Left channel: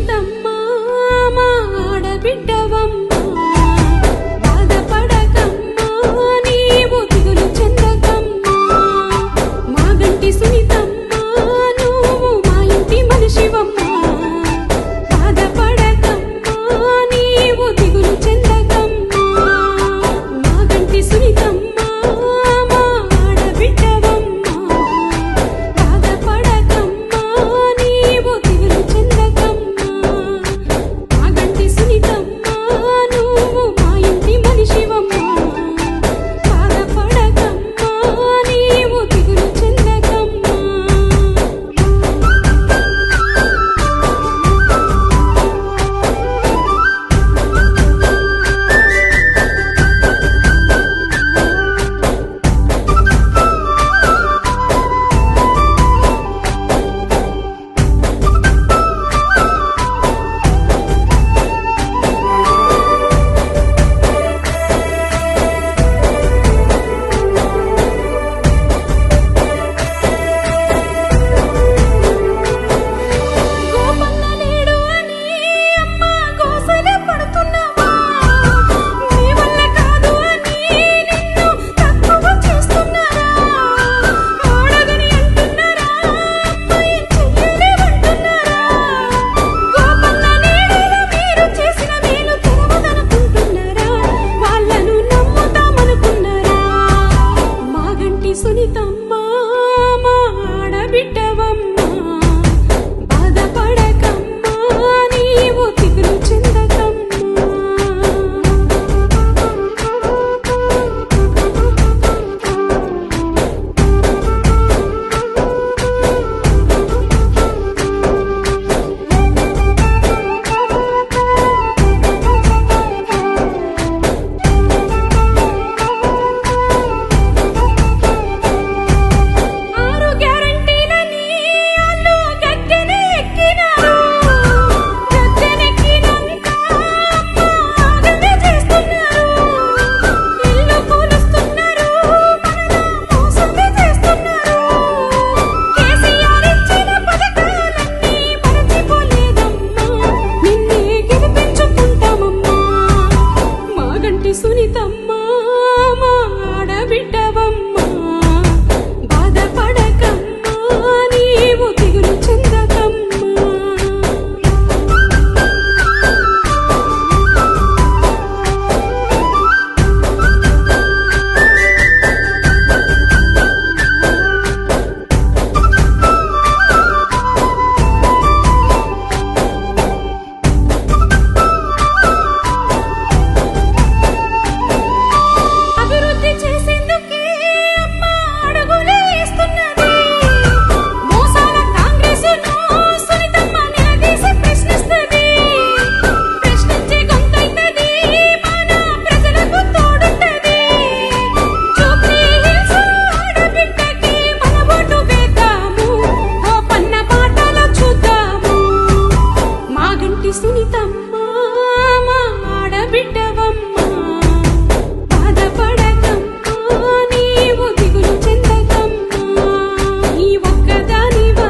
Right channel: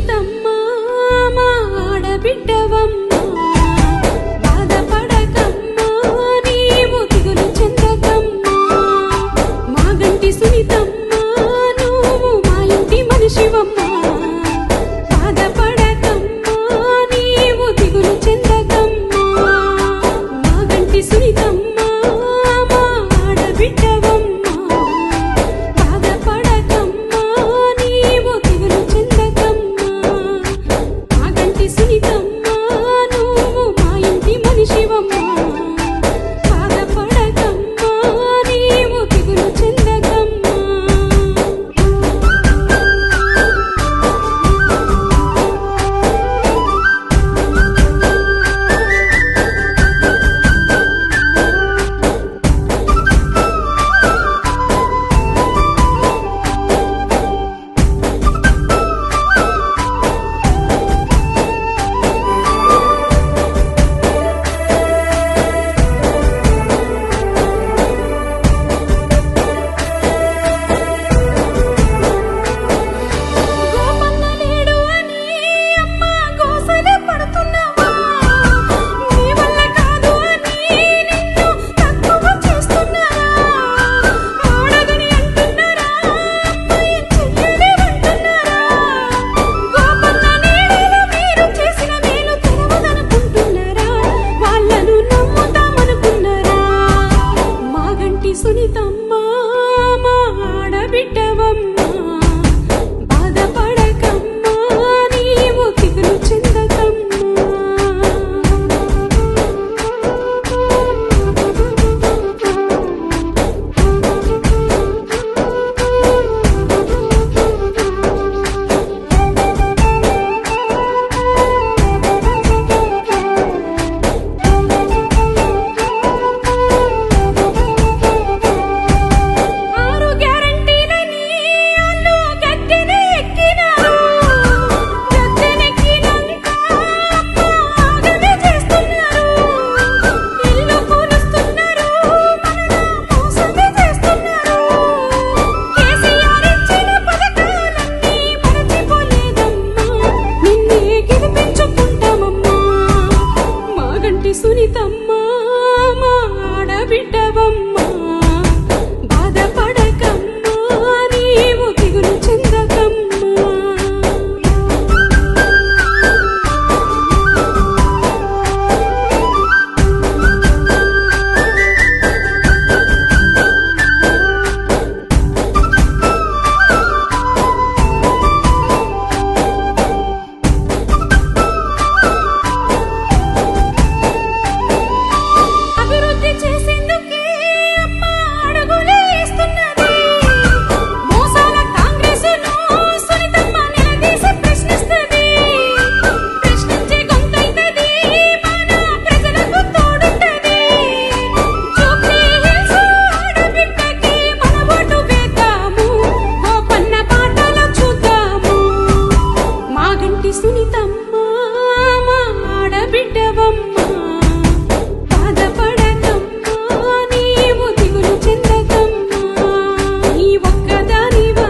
hitam. to బాధపడకమ్మా